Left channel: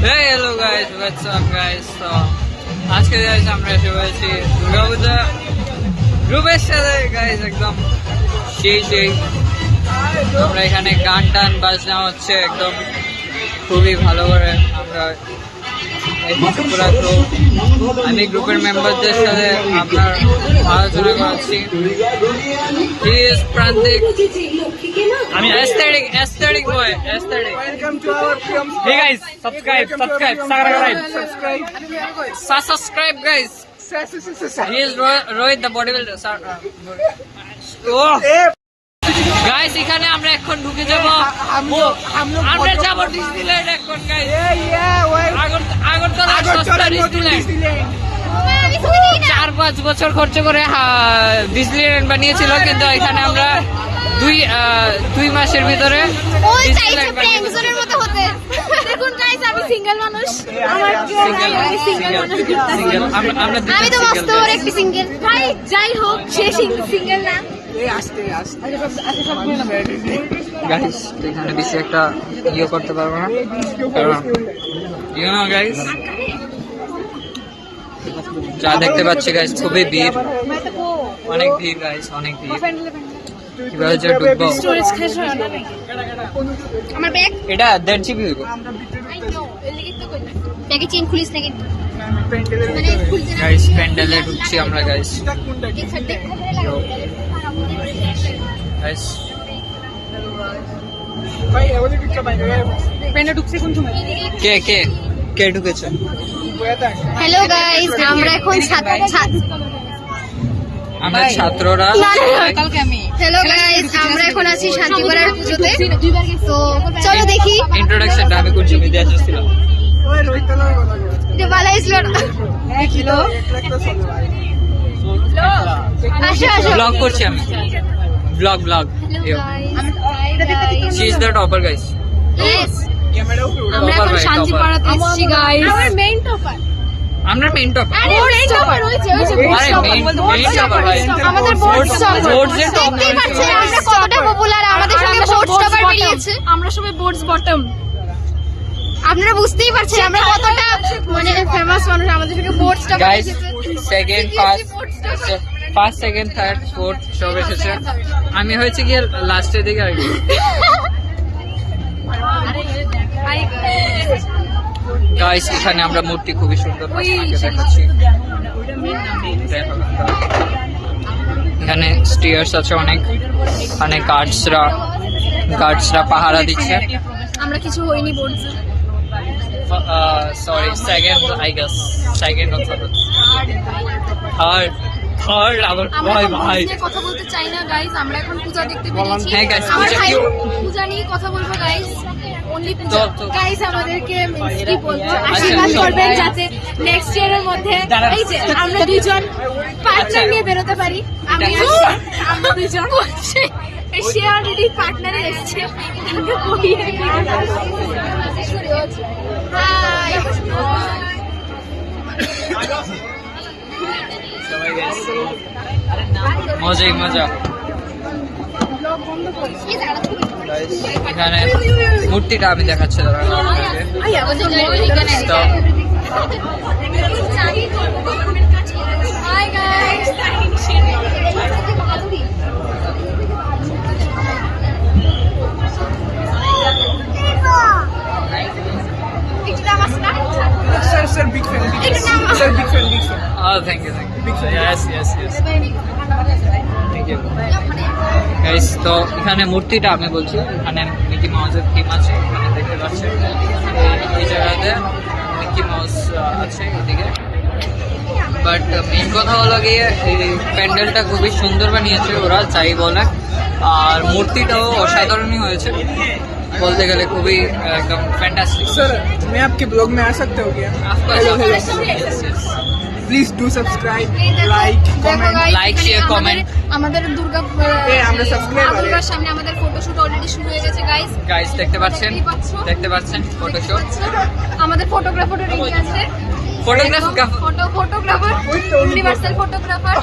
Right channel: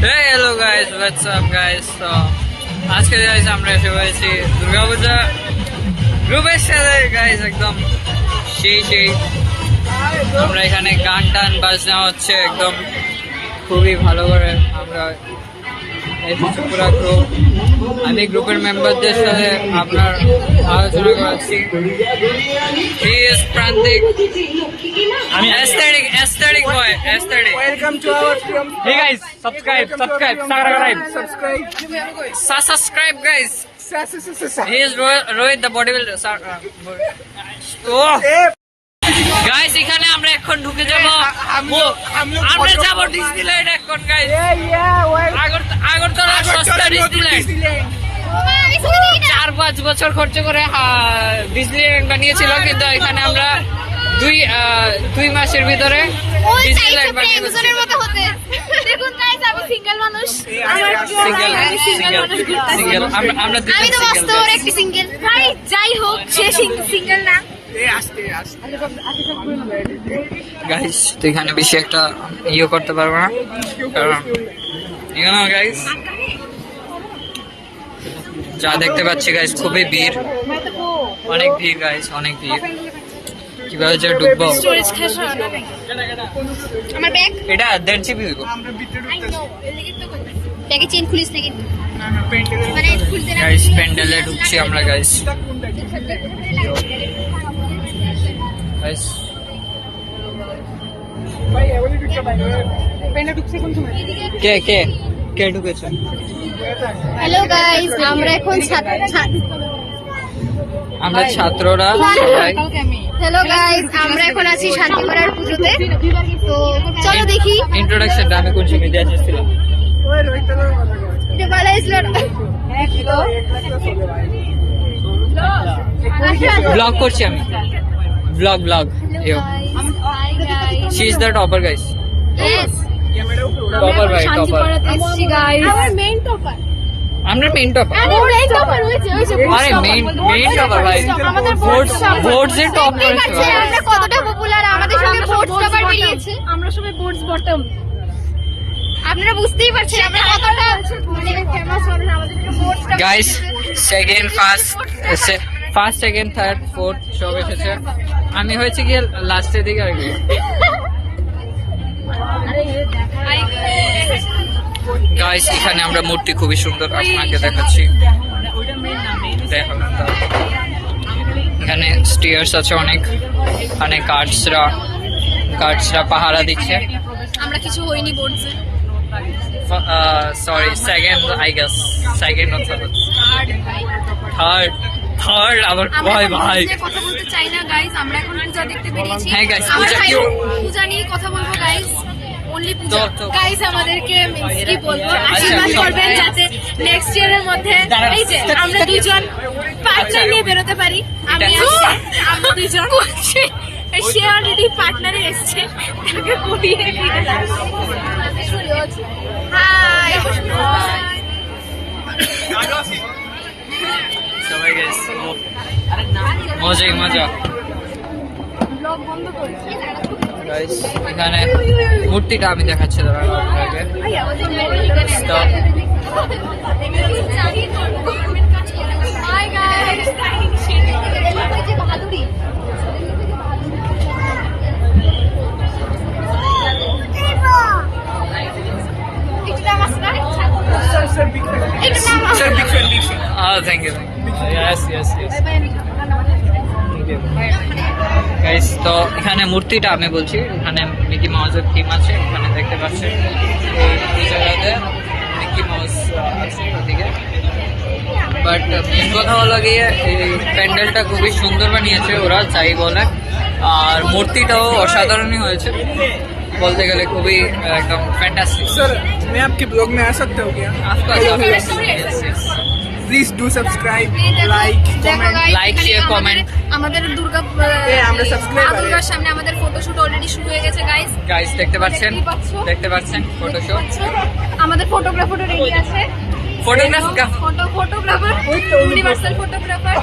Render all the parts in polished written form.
Hey, hello guys, what's up guys? So, আজকে guys আমরা এসে হয়েছি দুর্গাপূজা গ্রুপের সাথে গাইস একদম সেই আমরা এখানে গান টান বাজনা হচ্ছে একদম খুবই ভালো করে আমরা এসেছি পুরো গ্রুপ। আমি গ্রুপের মেম্বারদের সাথে আপনার আলোচনা করাচ্ছি। He is Prantik. Aesthetic boy, aesthetic. Welcome to our film. Hey guys, subscribe, Subscribe. subscribe guys. Subscribe. He is Rohit the bodybuilder. Oh. Guys এখানে আমরা এখন ঢুকে যাব, আমরা যাব ডিজনিল্যান্ড এখন গাইস। আগরতলার সস্তা ডিজনিল্যান্ড 4-5 বছর খরচ করে ডিজনিল্যান্ড বানিয়েছিল, কিন্তু এখানে আমরা দুই মাসের ভিতরে ডিজনিল্যান্ড বানিয়েছি। দেখুন গাইস, আমি সিঙ্গেল মানুষ, আমার কেউ নাই, আমি সিঙ্গেল মানুষ ঘুরতাছি। আমরা দুজন আমি তো সিঙ্গেল মস্ত বড় একটি সিঙ্গেল ভাই, যাই হোক সে সিঙ্গেল না। গাইস। তো এখানে বেশি একটা করতে পারবো না, কারণ গাইস যা দেখতে পাচ্ছি গাইস খুবই ভিড়, অনেক ভিড় গাইস, অনেক ভিড়। কিভাবে যে ঢুকবো? আমার ব্যাগ এটা দর্জি ভিড়। আই নো এলিগেট তো কই ব্যাগে চেন খুলিস নাকি? মানে খুলতে না গাইস প্যান্ডেলে ঢুকছি আমরা গাইস। গাইস কে কে কে ঢুকেছে? হ্যালো গাইস, আমরা এখন আমরা ছাত্ররা সবাই। হ্যালো গাইস, আমরা এখন আছি শান্তিপাড়ার পুজোতে। তো চলো দেখি ইন্ট্রোডাকশন আমি কোন সময় দিয়ে আসছিলাম। কে ভালো ছিল ব্লগ করছি আমি, blog she is the topper guys. Yes, topper ভাই, টপার। আমার মেইন টপার। আমরা মেইন টপার। আরে মেইন টপার হয়েছে আরে মেইন টপার ভাই। আমাদের বোর্ডস এর টপ। আমরা কতটা পপুলার, আমাদের সঙ্গে বোর্ডস টপার বেরিয়েছে। আমরা সবাই বোর্ডস বটম। আপনারা বুঝতেই পারছেন আমরা কতটা মানে ফেমাস মানুষ, আমাদের সঙ্গে boards topper guys second first second third fourth সব এসেছে। আমি হয়েছে গিয়ে লাস্টের দিকে আর কি। গাইস এখানে আমরা মূর্তি খুবই সুন্দর আপনাকে দেখাচ্ছি। এখানে স্টিয়ার্স আছে অনেক, এখানে গার্ডসরা পাহারা দিচ্ছে। আমরা কিছু হইনি বোর্ডসে। Sorry second I guess, second অথবা থার্ড আবার কয় ভাই। কথা বলতে চাই না গাইস, আমরা এখন পূজা দেখতে বেরিয়েছি। হ্যাঁ গাইস, আমরা পূজা কি পূজা নিয়ে কথা বলবো গাইস, অনলি পূজা। তো। গাইস আমাদেরকে কি বলবো, আশীর্বাদ করবেন যাতে নেক্সট ইয়ারের মধ্যে এই যে আমরা দুজন পার্টনার নিয়ে বেরোতে পারি। আমি আসছি, আমরা দুজন সে অলরেডি পার্টনারে এসছে, তাকে করিয়ে দিয়ে হাই সবাই গাইস মজাই মজা। গাইস এখানে মূর্তিটা আমি দেখাচ্ছি দাঁড়ান আপনাকে। Stop. Hi guys, Sir, big fan. Sir, big fan. Oh, thank you. Yes. Thank you. Guys, তো এখানে মূর্তিটা আমি বলছি, এখানে মিকি মাউসের থিম আছে, এখানে দেখতে পাচ্ছি এই জায়গাতে মিকি মাউস আছে এদিকে। বাট মেন কথা হলো গিয়ে এই প্যান্ডেলটা খুবই সুন্দর বানিয়েছে ওরা, যাই বলে। আর মূর্তিটাও অসাধারণই হয়েছে বলতে গেলে, খুবই একদম ফ্যান্টাস্টিক। Sir, मैं आपके ब्लॉग में आ सकता हूँ क्या? Hello. Please do subscribe, like, comment. Like share comment. আমাদের আমরা subscriber দুর্গার সামনে আমাদের ফটোশুট অলরেডি শুরু হয়ে গেছে গাইস। গাইস দেখতে পাচ্ছেন ফটোশো। আমাদের ফটোগ্রাফারও রেডি আছে। Photographer photographer universal photographer.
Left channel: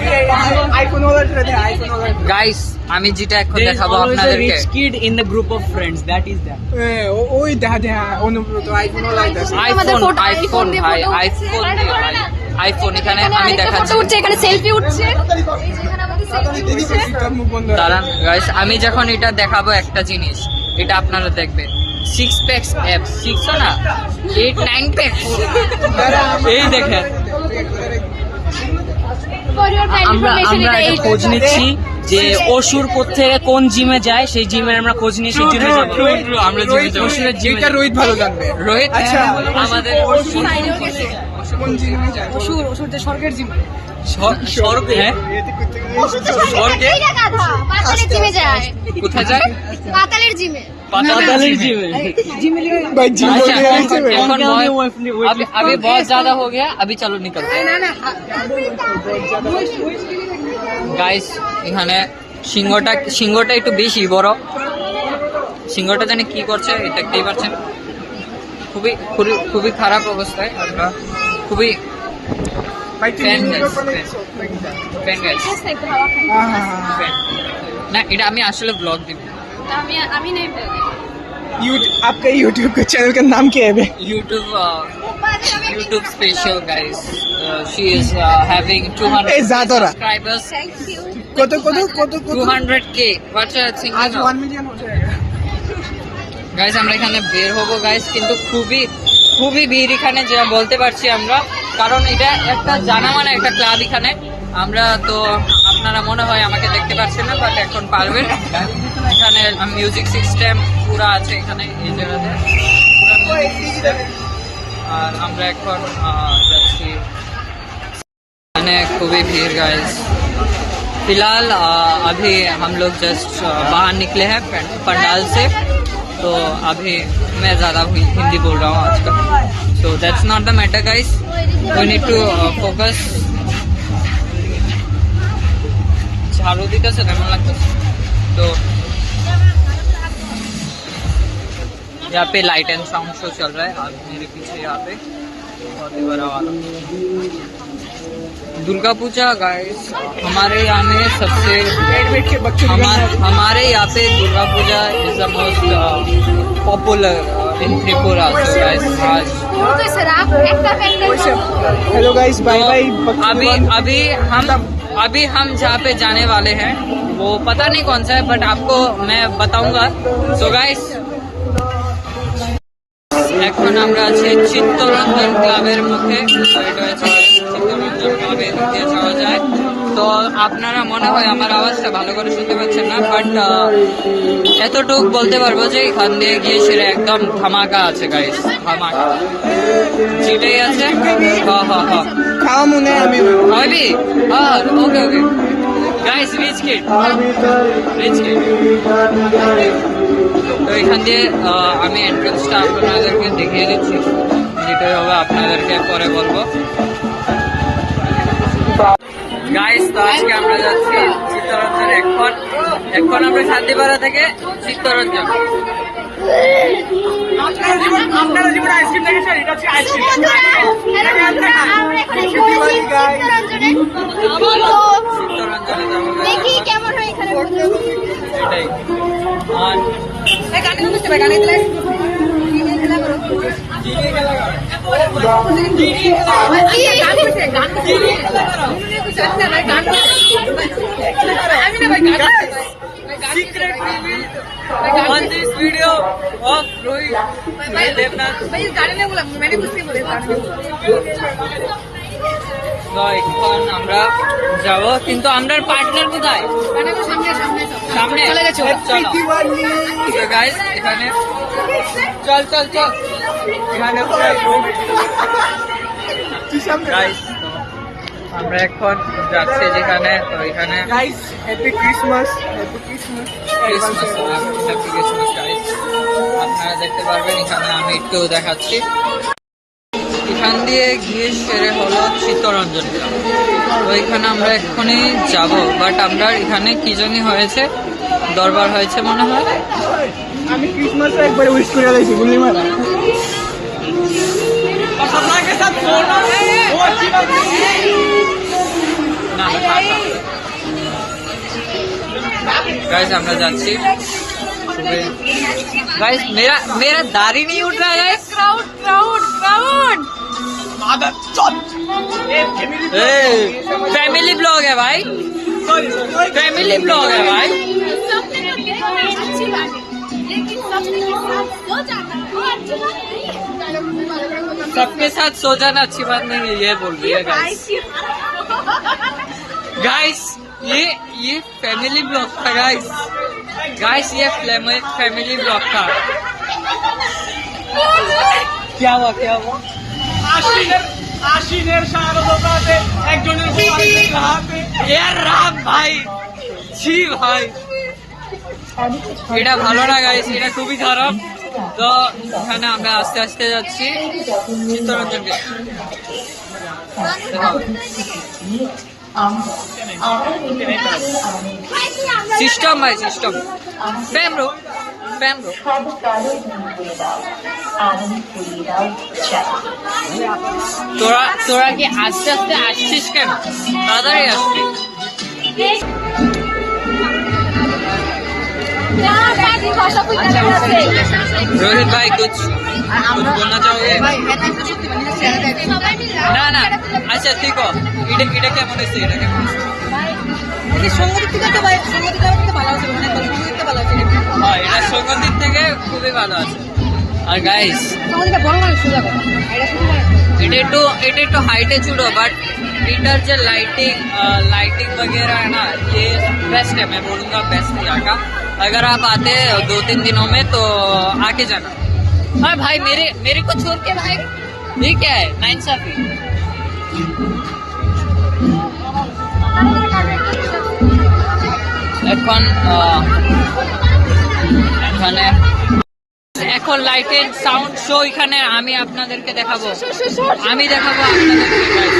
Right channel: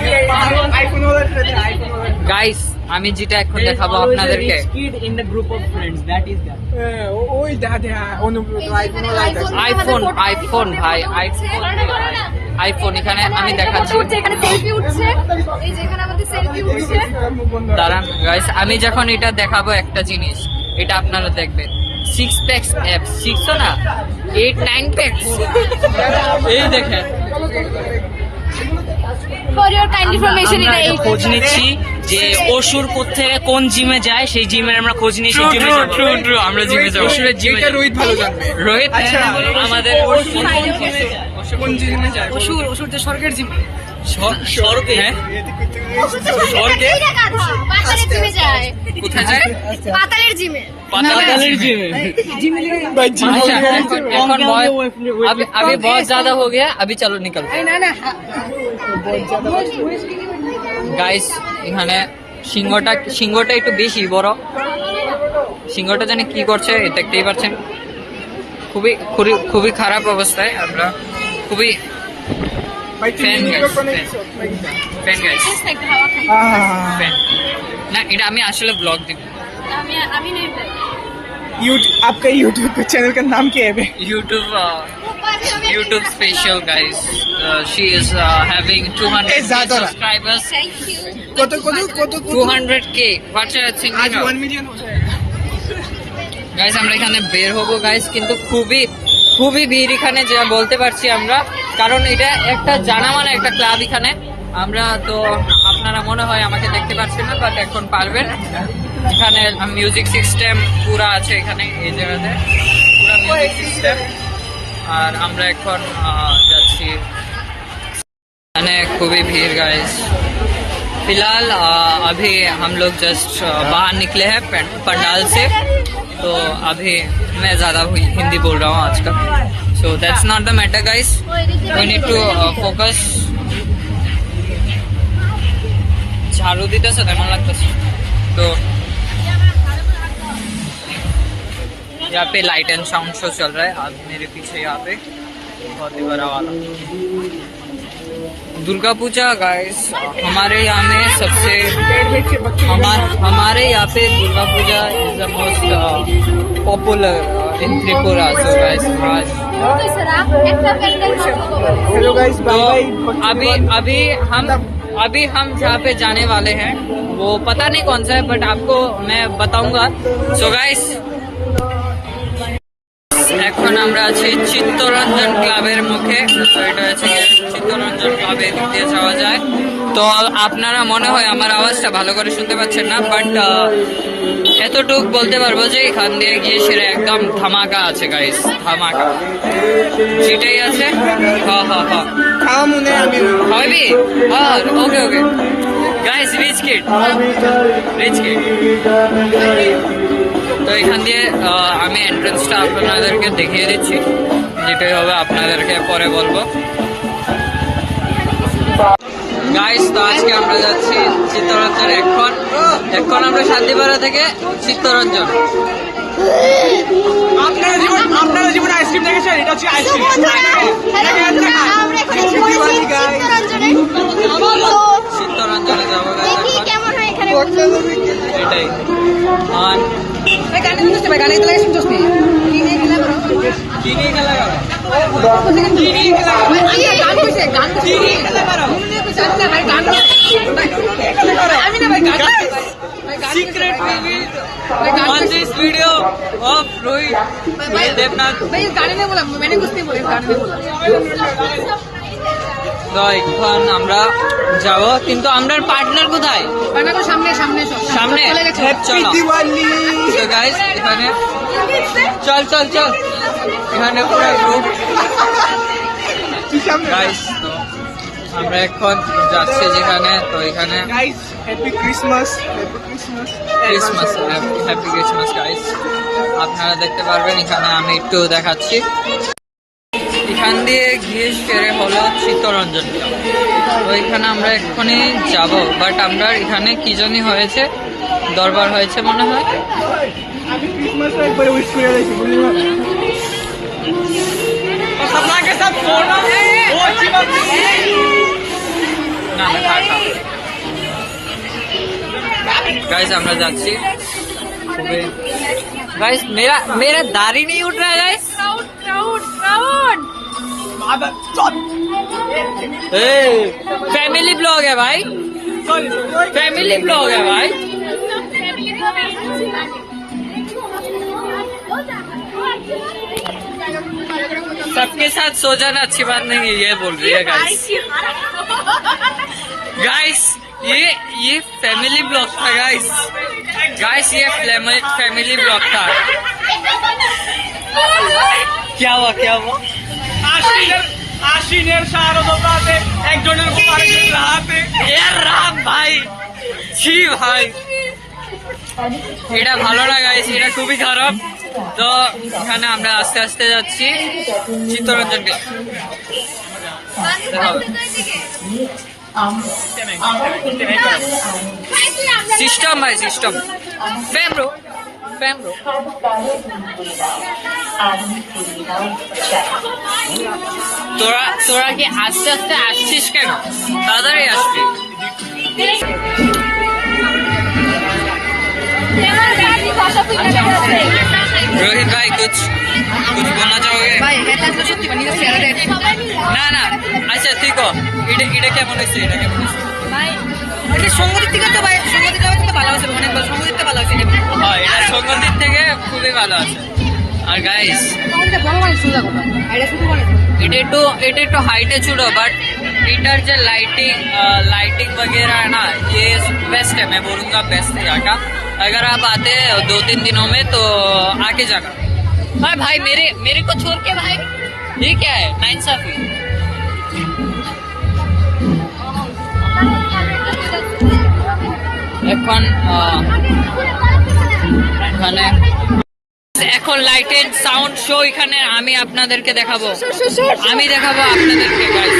IPhone वाला आईफोन वाला গাইস আমি যেটা এখন দেখাবো আপনাদেরকে kid in the group of friends. That is that. ওই দেখা দেখা অনুভূত তো আইফোন वाला আইতাছে আইফোন আইফোন ভাই আইফোন আইফোন এখানে আমি দেখাচ্ছি এখানে সেলফি উঠছে এই যে এখানে আমাদের সেলফি উঠছে দাঁড়ান গাইস আমি যখন এটা দেখাবো একটা জিনিস এটা আপনারা দেখবেন 6 প্যাকস অ্যাপ 6 না 8 9 প্যাকস এই দেখেন ফর ইওর কাইন্ড ইনফরমেশন আমরা একটু খোঁজ নিচ্ছি যে অসুর কোত্থেকে কোন জিমে যায়, সেই জিমের আমরা খোঁজ নিয়ে সেই জিমে যাব। ট্রু আমরা জিমে যাবো অসুরের জিমে এটা রোহিত ভালো জানবে রোহিত আমাদের কোন জিমে যায় অসুর যে স্বর্গের জিম। স্বর্গে হ্যাঁ স্বর্গে পাতালের জিমে যায় কোথায় যায় পাতালের জিমে पातालेर जिम भाई जिम अच्छा এখন अभी बहुत ज्यादा हो गया अभी चलो निकल গাইস এখানে সিংহটা একটু বেশি বড় সিংহটা জানি কি করছে দেখতেই পাচ্ছেন খুবই খুবই খারাপ অবস্থায় আমরা খুবই भाई ফ্যান গাইস हां ফ্যান না এটা আমি আসলে ব্লগ দিব আমি নেই यूट्यूब आपका यूट्यूब के चैनल का नाम क्या है बे YouTube special guys she is having 200 ए, ज्यादा रहा। subscribers থ্যাংক ইউ কত 200k what's your thinking आज 1 मिलियन हो जाएगा গাইস আমরা এখানে বের হবো গাইস কিন্তু খুবই ভিড় এখানে যা বলতে পারছি আমরা কারণ এটা একটা জানামানা একটা ক্লাব এখানে আমরা তো আপনারা মনে হয় আমাকে দেখতে পাচ্ছেন না বাট এখন পারবেন এখানে মিউজিক সিস্টেম পুরো আছে এখানে এই জায়গাতে পুরো মিউজিক সিস্টেম আর আমরা এখন যাচ্ছি এখানে খুবই ভিড় গাইস फिलहाल अभी हम लोग जस्ट बाहर निकले हैं पंडाल से तो अभी मैं ज़्यादा हिंदी बोल रहा हूँ आजकल so that's not the matter guys we need to focus झाड़ू দিতেছে কেমন লাগতেছে तो यहाँ पे लाइट एंड साउंड शो चल रहा है आप मेरे पीछे यहाँ पे बहुत ही बड़ा वाला दुर्गा पूजा गाइस हमारे यहाँ में सबसे हमारे यहाँ पे Durga Puja is the most popular in Tripura so guys आज हेलो गाइस तो बाय बाय अभी हम जहाँ पे जाने वाले हैं वो पता नहीं कौन सा है बट आपको मैं बताऊंगा सो गाइस এখন আমরা আছি চিত্তরঞ্জন ক্লাবের মুখে তো এটা হচ্ছে চিত্তরঞ্জন ক্লাবে দিয়ে যাওয়া যায় তো আপনারা মনে হয় আমার আওয়াজটা ভালো করে শুনতে পাচ্ছেন না বাট এতটুক বলতে পারবো যে এখান দিয়ে গিয়ে সেটা একদম ধামাকা আছে গাইস ধামাকা যেটাই আছে काम उन्हें अभी হবি আর ওকে গাইস রিচ কিড তো এখান দিয়ে আমি এন্ট্রান্সটা আপনাদেরকে দেখিয়ে দিচ্ছি যেটাই হবে আপনাদেরকে পরে বলবো গাইস তো আজকে আমরা যাচ্ছি চিত্তরঞ্জন এখন আমরা শান্তিপাড়া থেকে চিত্তরঞ্জন আপনারা জীবনে আইসক্রিম দেখেছেন এটা হচ্ছে আইসক্রিম দিওয়ালি গাইস চিত্তরঞ্জনে যাবো guys দেখি এখন। কেমন হয় এখানে এটাই আর কি নিয়ে খেলা করো Secret reveal on this video of Rohit Devnath. তো এখন আমরা যাব কিন্তু আমরা পার্টনার কোথায় সামনে চলো দিওয়ালি তো গাইস এখানে চল এখানে পুরো গ্রুপ গাইস তো আমরা এখন যাচ্ছি যেখানে তো এখানে guys happy Christmas happy Christmas guys আপনারা দেখতে পারবেন এখানে আমি একটু দেখাচ্ছি এখান দিয়ে গিয়ে সেরে হলো চিত্তরঞ্জন ক্লাব তো এখানে আমরা এক্ষুনি যাব বাট আমরা এখানে কি জানি হয়েছে দরবার হয়েছে মনে হয় আমি ক্রিসমাস একবার উইশ করে দিয়েছি বুঝলি না না না থাক गाइस আমরা যাচ্ছি सुबह गाइस मेरा दाढ़ी नहीं उठ रहा है गाइस फैमिली ब्लॉग है भाई फैमिली ब्लॉग है भाई सबके साथ सो जाना अच्छी बात नहीं है ये बोल रही है गाइस गाइस ये फैमिली ब्लॉग था गाइस ये फैमिली ब्लॉग था क्या हुआ আশ্বিনের শারদোপাতে একজনের বউ আরেকজনের হাতে यार राम भाई ছি ভাই এটা ভালো না গাইস এটা খুবই খারাপ তো এখানে আমরা আস্তে আস্তে যাচ্ছি চিত্তরঞ্জনকে সিস্টেম ভাই সিস্টেম ফ্যামরো তোরা কি আস্তে আস্তে আসছিস কেন তাড়াতাড়ি আসবি रोहित भाई कुछ बोलना चाहोगे না না আচ্ছা ঠিক এটা কেমন হয়েছে সঙ্গীত থেকে তো সঙ্গীত ভালো আছে অনেক ভালো সঙ্গীত ভালো আছে হ্যাঁ এটা সঙ্গীত থেকে খুবই ভালো আছে আর গাইস এটা একটু हाइट है छूटो बट इधर जो लाइटिंग वगैरह है ना ये बेस्ट है मैं बोलूँगा बेस्ट है यहाँ का अगर आप आते 2-3 दिनों में तो आके जाना हाँ भाई मेरे को छोड़ के भाई ये क्या है नाइंसाफी এখন লাইটের সাউন্ড শো এখানে আমি আপনাদেরকে দেখাবো আপনাদেরকে গাইস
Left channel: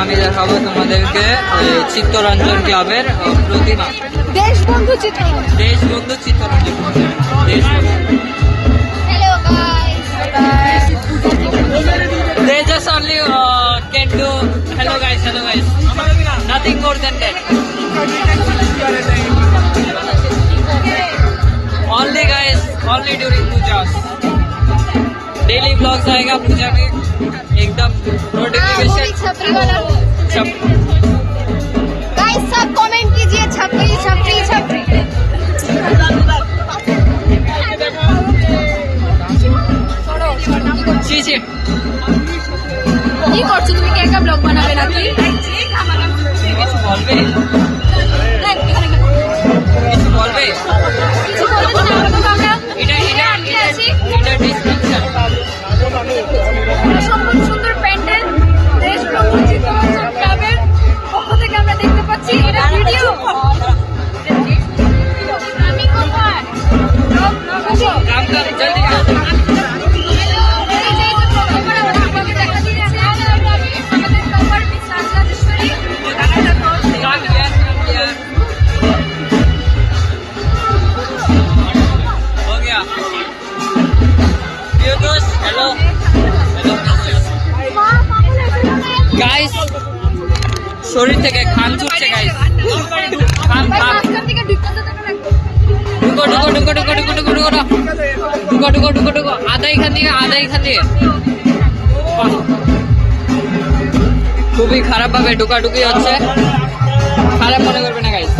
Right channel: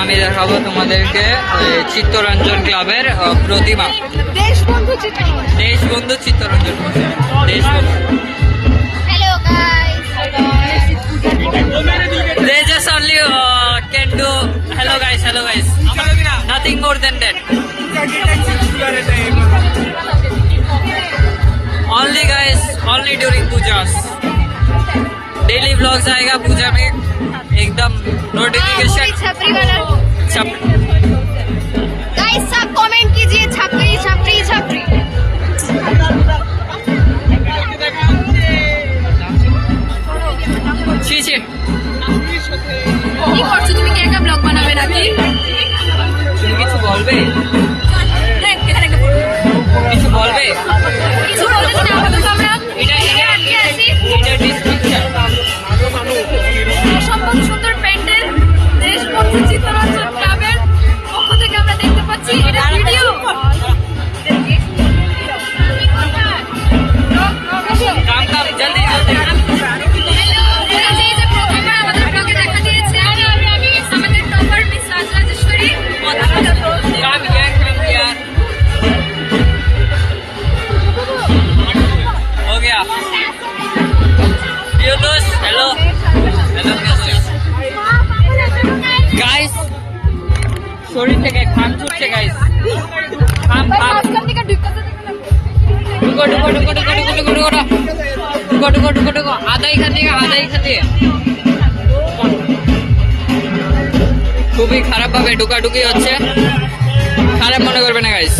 আমি দেখাবো তোমাদেরকে চিত্তরঞ্জন ক্লাবের প্রতিমা Deshbandhu Chittaranjan Deshbandhu they just only can do hello guys nothing more than that only during pujas daily vlogs आएगा पूजा में एकदम नोटिफिकेशन छपरी वाला गाइस सब कमेंट कीजिए छपरी ছি ছি কি করছো তুমি কি একটা ব্লগ বানাবে নাকি তুমি কিছু বলবে কিছু বলবো না আপাতত আমরা এটা আটকে আছি এটা ডিসক্রিপশন অসম্ভব সুন্দর প্যান্ডেল দেশবন্ধু চিত্তরঞ্জন ক্লাবের পক্ষ থেকে আমরা দেখতে পাচ্ছি काम जल्दी हो गया प्रिय दोस्त हेलो गाइस শরীর থেকে ঘাম ছুটছে গাইস ঘাম ঢুকো ঢুকো ঢুকো ঢুকো ঢুকো ঢুকো ঢুকো ঢুকো ঢুকো ঢুকো ঢুকো আধা এখান থেকে খুবই খারাপ ভাবে ঢুকাঢুকি হচ্ছে, খারাপ মনে করবে না গাইস।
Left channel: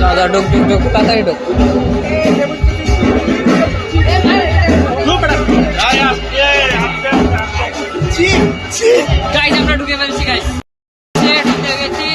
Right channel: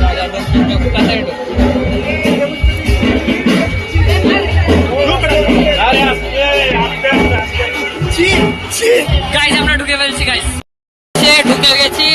দাদা ঢুক ঢুক ঢুক তাড়াতাড়ি ঢুক। গাইস আমরা ঢুকে ফেলছি গাইস, ঢুকে গেছি।